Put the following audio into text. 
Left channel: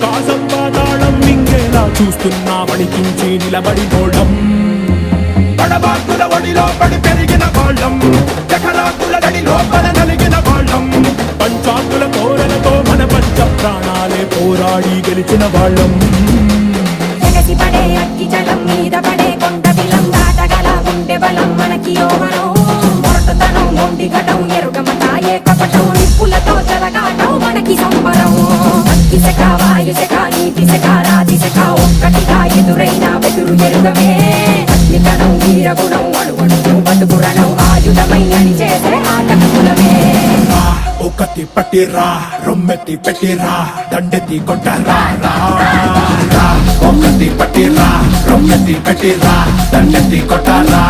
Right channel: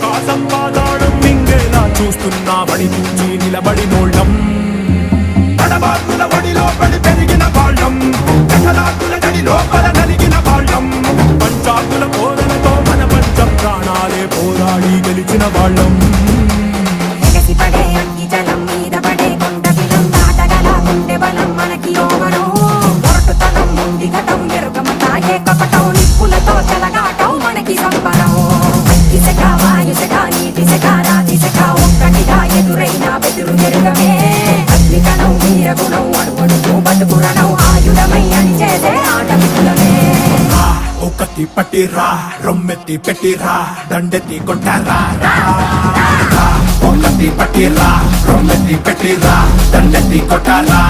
ఆకాశం పాతాళం మింగేలా చూస్తున్నా వడికించి నిలబడినోళ్ళం తడబాకుల బడిలో పడి పెరిగిన వాళ్ళం జఠరాకుల గడిలో మన నలిగిన వాళ్ళం పంచాకుల పోరలతో మన పంచ ప్రాణాలే పోరాడి గెలిచిన వాళ్ళం పడే అగ్గి జలం మీద పడే కొండ బిలం దాటగల గుండె బలం మనకి ఓవరం మొరటుతనం మొండి ఘటం ఎరుగమట ఏకపటం నిప్పులతో చెలగాటం మనకి సంబరం అగ్గి శక వాయు శక నీటి శక రాతి శక ఒక్కటిగా ఎదురైన బెదురు ఎరుగమే అగ్నికణం వీరగుణం అణువణువు బతుకురణం ఆయుధమై అని చేసే ఆటకులమే ఒకటి పట్టిరా రొమ్మెత్తి పెట్టిరా దండెత్తి కొట్టరా ఒకటి పట్టిరా రొమ్మెత్తి పెట్టిరా దండెత్తి కొట్టరా